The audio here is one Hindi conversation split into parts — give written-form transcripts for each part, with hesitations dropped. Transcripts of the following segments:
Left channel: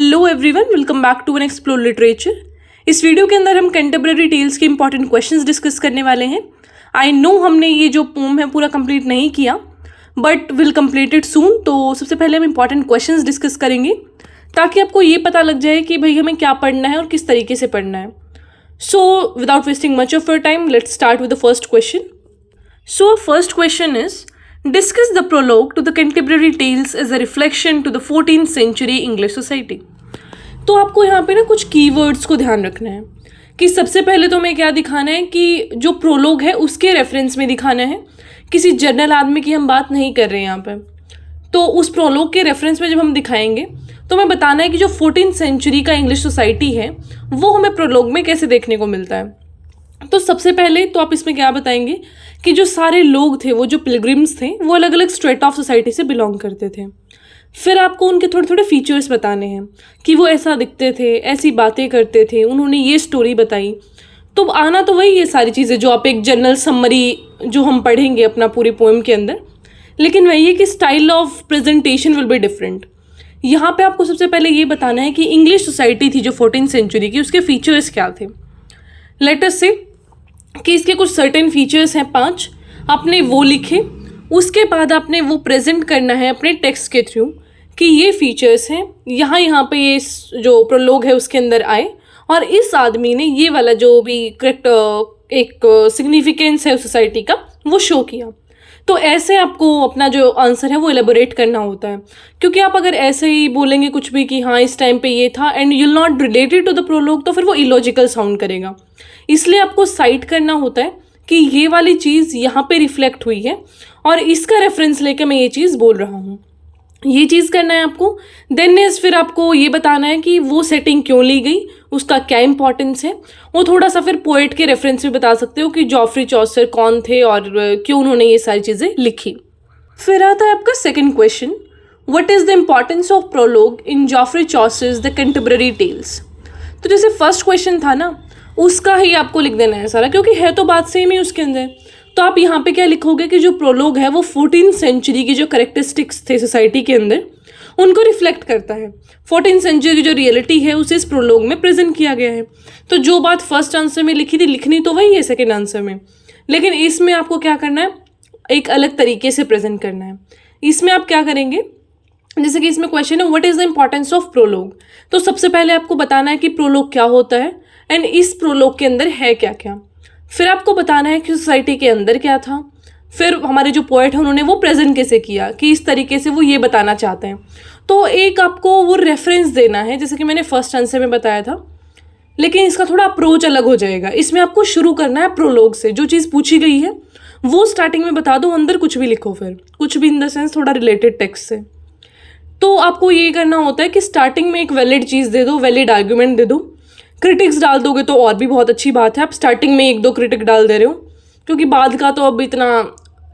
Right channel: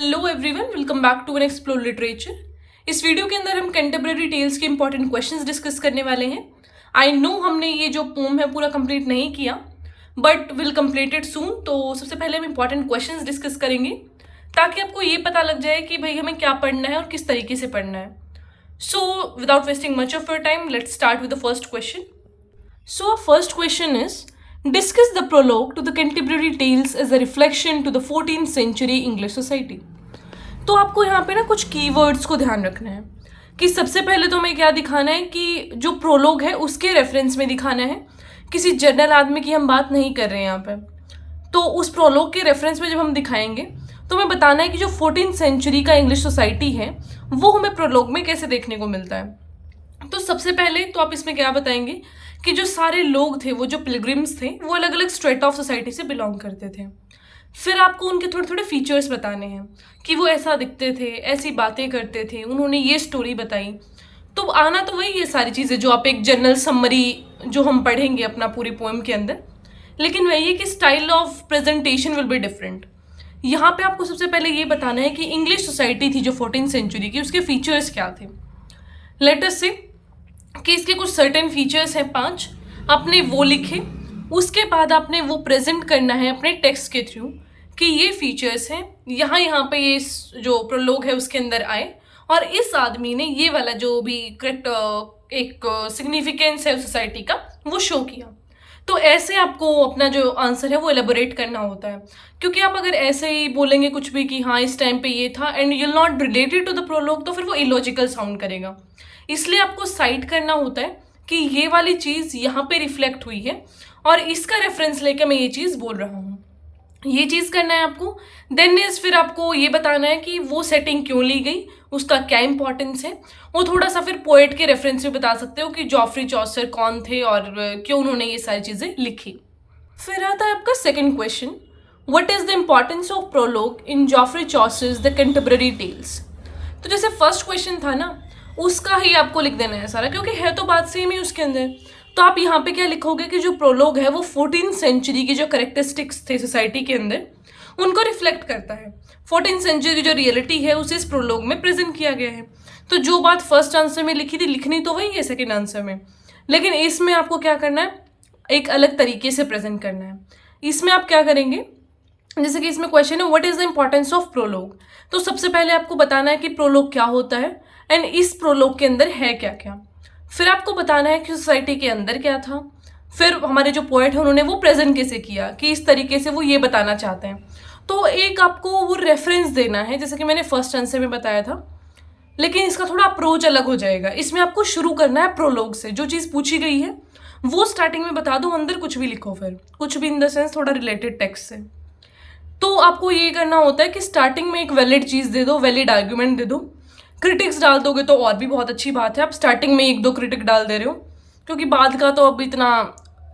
Hello everyone, welcome back to an explore literature. इस वीडियो के अंदर हम कंटेम्प्रेरी टेल्स के इंपॉर्टेंट क्वेश्चंस डिस्कस करने वाले हैं। आई नो हमने ये जो पोम है पूरा कंप्लीट नहीं किया, बट विल कंप्लीट इट सून। तो सबसे पहले हम इंपॉर्टेंट क्वेश्चंस डिस्कस करेंगे ताकि आपको ये पता लग जाए कि भाई हमें क्या पढ़ना है और किस तरीके से पढ़ना है। So without wasting much of your time, let's start with the first question. So, first question is, discuss the prologue to the Canterbury Tales as a reflection to the 14th century English society. तो आपको यहाँ पे ना कुछ कीवर्ड्स को ध्यान रखना है कि सबसे पहले तो हमें क्या दिखाना है कि जो प्रोलोग है उसके रेफरेंस में दिखाना है। किसी जनरल आदमी की हम बात नहीं कर रहे हैं यहाँ पे। तो उस प्रोलोग के रेफरेंस में जब हम दिखाएंगे तो हमें बताना है कि जो 14th सेंचुरी का इंग्लिश सोसाइटी है वो हमें प्रोलोग में कैसे देखने को मिलता है। तो सबसे पहले तो आप इसमें क्या बताएंगे कि जो सारे लोग थे, वो जो पिलग्रिम्स थे, वो अलग अलग स्ट्रेटा ऑफ सोसाइटी से बिलोंग करते थे। फिर आपको उनके थोड़े थोड़े फीचर्स बताने हैं कि वो ऐसा दिखते थे, ऐसी बातें करते थे, उन्होंने ये स्टोरी बताई। तो आना तो वही ये सारी चीज़ें जो आप एक जनरल समरी जो हम पढ़ेंगे अपना पूरी पोएम के अंदर, लेकिन वही है कि style of presentation will be different. यहाँ पे आपको सबसे पहले ये बताना है कि इंग्लिश सोसाइटी थी जो 14th सेंचुरी की, उसके फीचर्स क्या थे। लेट अस से कि इसके कुछ सर्टेन फीचर्स हैं 5, आपने वो लिखे। उसके बाद आपने वो प्रेजेंट करना है अपने टेक्स्ट के थ्रू कि ये फीचर्स हैं, यहाँ पे ये जो प्रोलोग है उसके अंदर आए और इस आदमी ने ये वाला जो भी करेक्ट एक सिग्निफिकेंस है सोसाइटी का वो शो किया। तो ऐसे आपको अपना जो आंसर है वो एलेबोरेट करना होता है, क्योंकि आप अगर ऐसे ही बोलेंगे कुछ भी कि हाँ इस टाइम पे ये था and you not related to the prologue, तो फिर वो इलॉजिकल साउंड करेगा। इसलिए आपको साइट करना होता है कि ये वाली चीज़ यहाँ पे रिफ्लेक्ट हुई है और इसका रेफरेंस लेकर मैं ये चीज़ बोल रहा हूँ। ये चीज़ करना है आपको। देन इज फिर आपको ये बताना है कि वो सेटिंग क्यों ली गई, उसका क्या इंपॉर्टेंस है। वो थोड़ा सा फिर पोएट के रेफरेंस में बता सकते हो कि जॉफ्री चौसर कौन थे और क्यों उन्होंने ये सारी चीज़ें लिखी। फिर आता है आपका second question, what is the importance of prologue in Geoffrey Chaucer's the Canterbury Tales. तो जैसे फर्स्ट क्वेश्चन था ना, उसका ही आपको लिख देना है सारा, क्योंकि है तो बात सेम ही उसके अंदर। तो आप यहाँ पे क्या लिखोगे कि जो प्रोलोग है वो 14th सेंचुरी की जो करेक्टरिस्टिक्स थे सोसाइटी के अंदर उनको रिफ्लेक्ट करता है। 14th सेंचुरी की जो रियलिटी है उसे इस प्रोलोग में प्रेजेंट किया गया है। तो जो बात फर्स्ट आंसर में लिखी थी, लिखनी तो वही है सेकेंड आंसर में, लेकिन इसमें आपको क्या करना है, एक अलग तरीके से प्रेजेंट करना है। इसमें आप क्या करेंगे, जैसे कि इसमें क्वेश्चन है what is the importance of prologue. तो सबसे पहले आपको बताना है कि प्रोलोग क्या होता है एंड इस प्रोलोग के अंदर है क्या क्या। फिर आपको बताना है कि सोसाइटी के अंदर क्या था। फिर हमारे जो पोएट हैं उन्होंने वो प्रेजेंट कैसे किया, कि इस तरीके से वो ये बताना चाहते हैं। तो एक आपको वो रेफरेंस देना है, जैसे कि मैंने फर्स्ट आंसर में बताया था, लेकिन इसका थोड़ा अप्रोच अलग हो जाएगा। इसमें आपको शुरू करना है प्रोलोग से, जो चीज़ पूछी गई है वो स्टार्टिंग में बता दो, अंदर कुछ भी लिखो, फिर कुछ भी इन द सेंस थोड़ा रिलेटेड टेक्स्ट से। तो आपको ये करना होता है कि स्टार्टिंग में एक वैलिड चीज़ दे दो, वैलिड आर्ग्यूमेंट दे दो। क्रिटिक्स डाल दोगे तो और भी बहुत अच्छी बात है। आप स्टार्टिंग में 1-2 क्रिटिक डाल दे रहे हो, क्योंकि बाद का तो अब इतना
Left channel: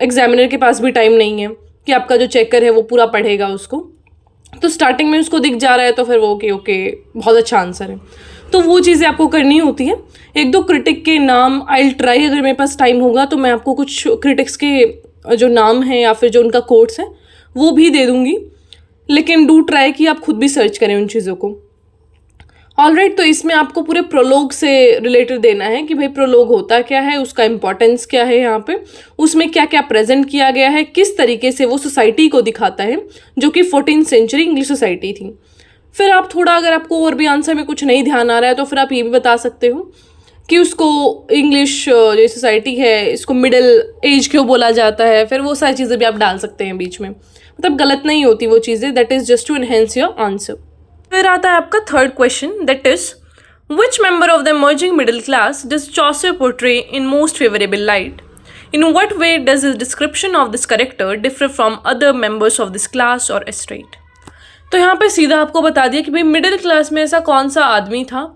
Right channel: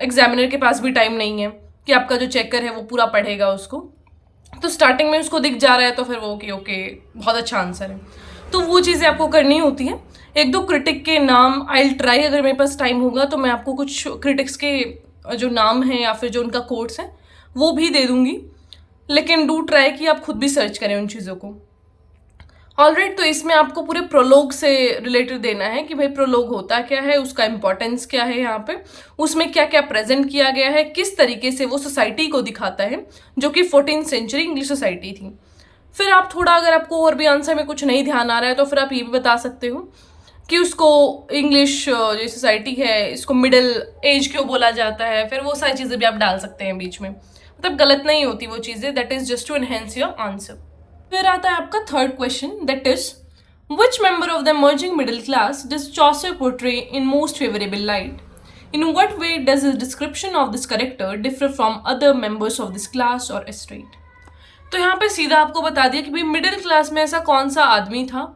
एग्जामिनर के पास भी टाइम नहीं है कि आपका जो चेकर है वो पूरा पढ़ेगा उसको। तो स्टार्टिंग में उसको दिख जा रहा है तो फिर वो ओके बहुत अच्छा आंसर है। तो वो चीज़ें आपको करनी होती है। 1-2 क्रिटिक के नाम आई ट्राई, अगर मेरे पास टाइम होगा तो मैं आपको कुछ क्रिटिक्स के जो नाम हैं या फिर जो उनका कोट्स हैं वो भी दे दूँगी, लेकिन डू ट्राई कि आप खुद भी सर्च करें उन चीज़ों को। ऑलराइट, तो इसमें आपको पूरे प्रोलोग से रिलेटेड देना है कि भाई प्रोलोग होता क्या है, उसका इंपॉर्टेंस क्या है, यहाँ पे उसमें क्या क्या प्रेजेंट किया गया है, किस तरीके से वो सोसाइटी को दिखाता है जो कि 14th सेंचुरी इंग्लिश सोसाइटी थी। फिर आप थोड़ा, अगर आपको और भी आंसर में कुछ नहीं ध्यान आ रहा है तो फिर आप ये भी बता सकते हो कि उसको इंग्लिश जो सोसाइटी है इसको मिडिल एज क्यों बोला जाता है। फिर वो सारी चीज़ें भी आप डाल सकते हैं बीच में, मतलब गलत नहीं होती वो चीज़ें। That is just to enhance your answer. फिर आता है आपका third question, that is which member of the emerging middle class does Chaucer portray in most favourable light. In what way does his description of this character differ from other members of this class और एस्टेट। तो यहाँ पे सीधा आपको बता दिया कि भाई मिडिल क्लास में ऐसा कौन सा आदमी था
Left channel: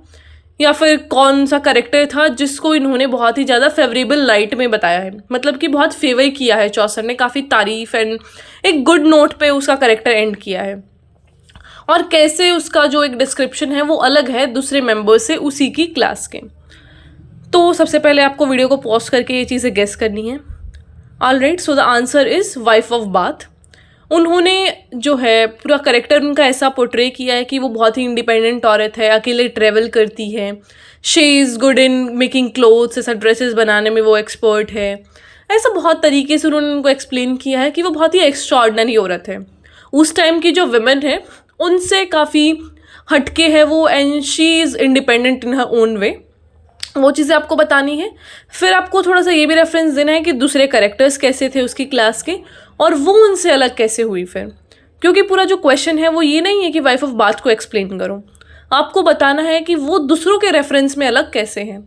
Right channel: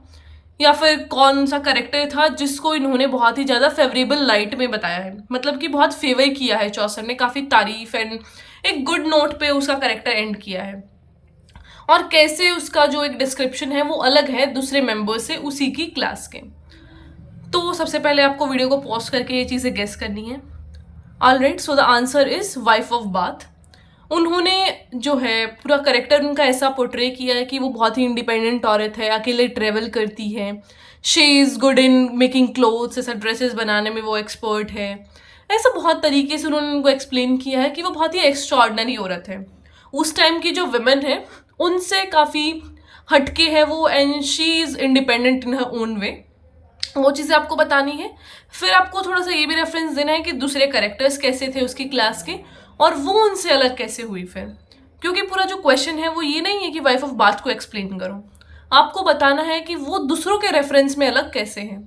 या फिर कौन सा करेक्टर था जिसको इन्होंने बहुत ही ज़्यादा फेवरेबल लाइट में बताया है, मतलब कि बहुत फेवर किया है चौसर ने, काफ़ी तारीफ एंड एक गुड नोट पे उसका करेक्टर एंड किया है, और कैसे उसका जो एक डिस्क्रिप्शन है वो अलग है दूसरे मेंबर से उसी की क्लास के। तो सबसे पहले आपको वीडियो को पॉज करके ये चीज़ें गेस करनी है। Alright, so the answer is wife of bath. उन्होंने जो है पूरा करेक्टर उनका ऐसा पोर्ट्रे किया है कि वो बहुत ही इंडिपेंडेंट औरत है, अकेले ट्रेवल करती है, she is good in making clothes, ऐसा ड्रेसेस बनाने में वो एक्सपर्ट है। ऐसा बहुत तरीके से उन्होंने उनको एक्सप्लेन किया है कि वो बहुत ही एक्स्ट्राऑर्डिनरी औरत है, उस टाइम की जो वुमेन है उनसे काफ़ी हटके है वो, and she is independent in her own way. वो चीज़ें आपको बतानी है। फिर आपको थोड़ा सा ये भी रेफरेंस देना है कि दूसरे करेक्टर्स कैसे थे उसकी क्लास के, और वो उनसे अलग कैसे हुई फिर, क्योंकि पूरा जो क्वेश्चन है वो ये नहीं है कि वाइफ ऑफ बाथ को एक्सप्लेन करो, आपको बताना है कि वो दूसरों के रेफरेंस में अलग कैसे हैं।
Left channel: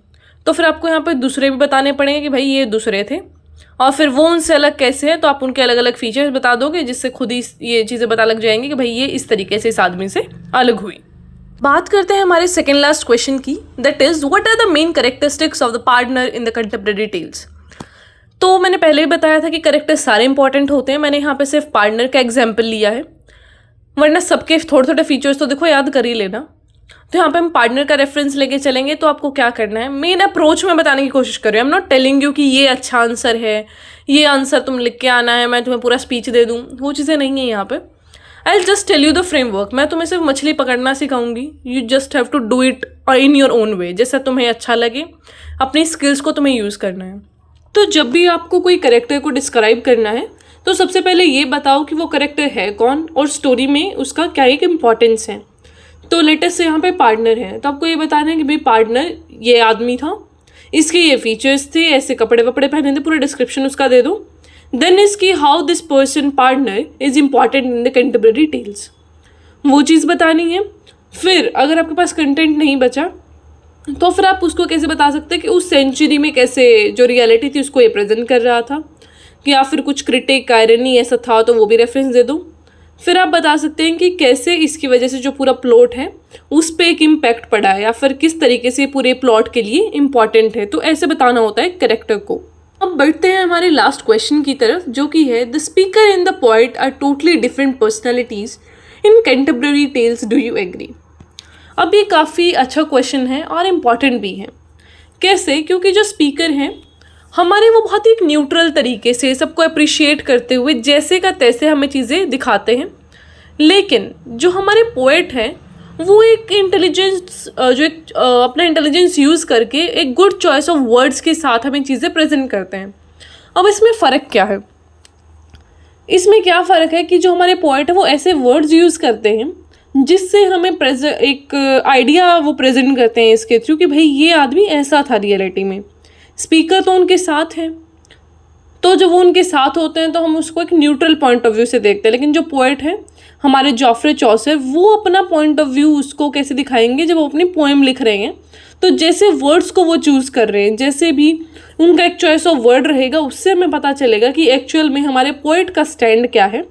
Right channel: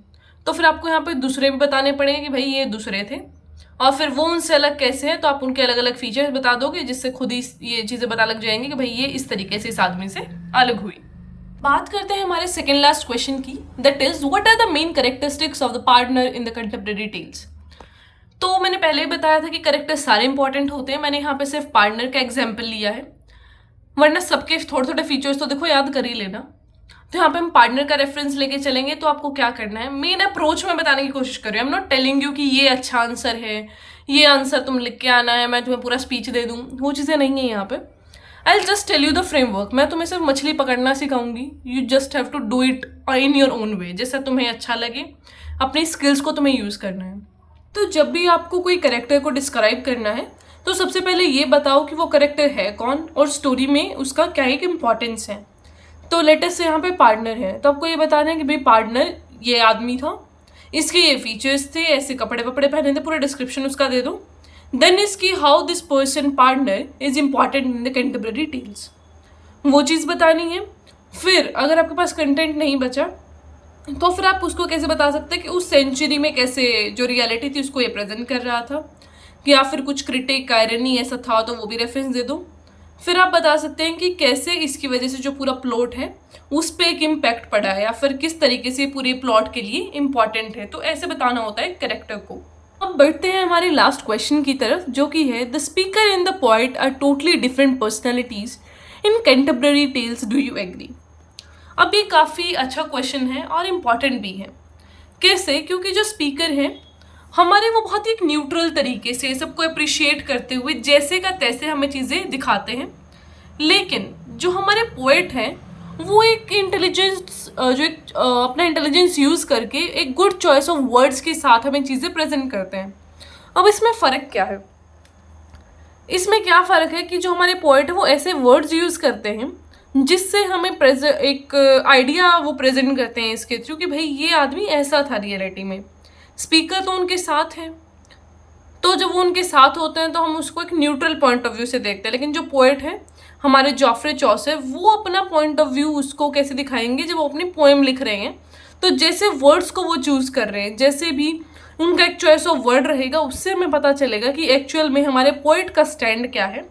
तो फिर आपको यहाँ पे दूसरे भी बताने पड़ेंगे कि भाई ये दूसरे थे, और फिर वो उनसे अलग कैसे हैं, तो आप उनके अलग अलग फीचर्स बता दोगे, जिससे खुद ही ये चीज़ें पता लग जाएंगी कि भाई ये इस तरीके से इस आदमी से अलग हुई। बात करते हैं हमारे सेकेंड लास्ट क्वेश्चन की, that is what are the main characteristics of the partner in the contemporary tales. तो मैंने पहले ही बताया था कि कैरेक्टर सारे इंपॉर्टेंट होते हैं, मैंने यहाँ पे सिर्फ पार्टनर का एग्जाम्पल लिया है, वरना सबके थोड़े थोड़े फीचर्स तो देखो याद कर ही लेना। तो यहाँ पे हम पार्टनर का रेफरेंस लेके चलेंगे। तो आपको क्या करना है, मेन अप्रोच में बताने की कोशिश कर रही हूँ, I am not telling you कि ये अच्छा आंसर है, ये आंसर तुम लिख के आना है, मैं तुम्हें पूरा स्पीच दे दूँ, वो चीज़ें नहीं है यहाँ पे। I will just tell you the framework, मैं तुम्हें सिर्फ मछली पकड़ना सिखाऊंगी, you just have to do it in your own way, जैसा तुम्हें अच्छा लगे, अपनी स्किल्स को तुम्हें यूज़ करना है। तो जब भी आपको कोई कैरेक्टर को डिस्क्राइब करना है तो सबसे पहले ये बताओ कि वो कैरेक्टर है कौन और स्टोरी में उसका क्या एक इम्पॉर्टेंस है। तो लेटेस्ट से यहाँ पे पार्टनर है, तो आपको ये बताना है कि भाई पार्टनर ये आदमी था, इसके ये फीचर्स थे, ऐसे कपड़े वपड़े पहने थे, पूरा डिस्क्रिप्शन उसका दे दो। देन इसकी how this person partner is important in the contemporary tales, वो चीज़ बतानी है। फिर अगर आपके पास कंटेंट नहीं बचा तो फिर आप उसको कैसे बता सकते हैं कि उस सेंचुरी में कैसे जो रियलिटी थी उसको ये प्रेजेंट कर रहा था, या फिर कुछ क्रिटिक आयरनी ऐसा था तो वो भी रेफरेंस दे दो। फिर आप बता सकते हैं कि कैसे इसकी वजह से जो पूरा प्लॉट है उस पर एक इम्पैक्ट पड़ा है, या फिर किस तरीके से पूरे प्लॉट के लिए इम्पॉर्टेंट है। तो ऐसे बताना होता है कैरेक्टर को। अब बढ़ते हैं हमारे लास्ट क्वेश्चन की तरफ, जो कि है the speaker and the poet are totally different personalities in contemporary tales, do you agree. अब ये काफ़ी अच्छा क्वेश्चन है और इम्पॉर्टेंट भी है। कैसे? क्योंकि जो स्पीकर हैं हमारे वो बहुत ही एक न्यूट्रल तरीके से सबको अप्रिशिएट करते हुए जैसे का तैसे हमें चीज़ें दिखाते हैं, लेकिन जो हमारे पोएट हैं वो एक इंटेलिजेंस अपना इंटेलिजेंस यूज़ करके एक गुड चॉइस ऑफ वर्ड्स के साथ हमें चीज़ें प्रेजेंट करते हैं। अब इसमें फ़र्क क्या है? इसमें क्या फ़र्क है कि जो हमारे पोएट है वो ऐसे वर्ड्स यूज़ करते हैं जिससे हमें एक आइडिया वो प्रेजेंट करते हैं इसके थ्रू कि भाई ये आदमी ऐसा था रियलिटी में। स्पीकर तो उनके साथ हैं, तो जब वो उनके साथ होते हैं तो हम उसको एक न्यूट्रल पॉइंट ऑफ व्यू से देखते हैं, लेकिन जो पोएट है हमारे जॉफ्रे चौसर वो अपना पॉइंट ऑफ व्यू उसको कैसे दिखाएंगे जब वो अपनी पोएम लिख रहे हैं। तो जैसे वर्ड्स को वो चूज़ कर रहे हैं, जैसे भी उनका एक चॉइस ऑफ वर्ड रहेगा, उससे हमें पता चलेगा कि एक्चुअल में हमारे पोएट का स्टैंड क्या है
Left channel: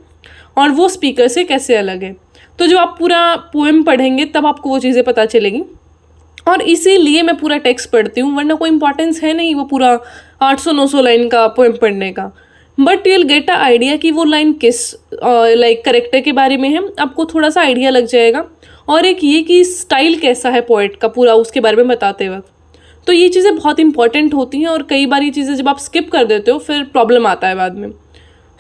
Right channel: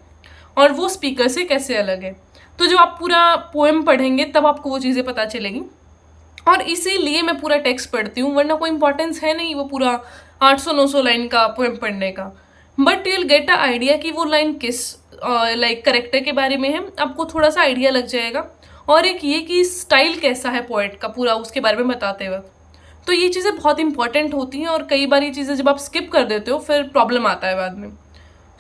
और वो स्पीकर से कैसे अलग है। तो जब आप पूरा पोएम पढ़ेंगे तब आपको वो चीज़ें पता चलेगी, और इसीलिए मैं पूरा टेक्स्ट पढ़ती हूँ, वरना कोई इंपॉर्टेंस है नहीं वो पूरा 800-900 लाइन का पोएम पढ़ने का। But you will get a idea कि वो लाइन किस लाइक करेक्टर के बारे में है, आपको थोड़ा सा आइडिया लग जाएगा। और एक ये कि स्टाइल कैसा है पोएट का पूरा उसके बारे में बताते वक्त। तो ये चीज़ें बहुत इंपॉर्टेंट होती हैं, और कई बार ये चीज़ें जब आप स्किप कर देते हो फिर प्रॉब्लम आता है बाद में।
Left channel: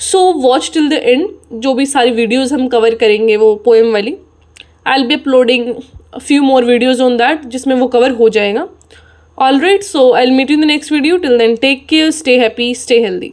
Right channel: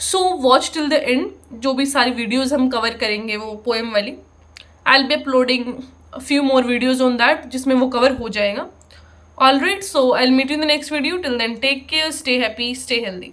So watch till the end, जो भी सारी वीडियोज़ हम कवर करेंगे वो पोएम वाली, I will be uploading a few more videos on that जिसमें वो कवर हो जाएगा। Alright, so I'll meet you in the next video. Till then, take care, stay happy, stay healthy.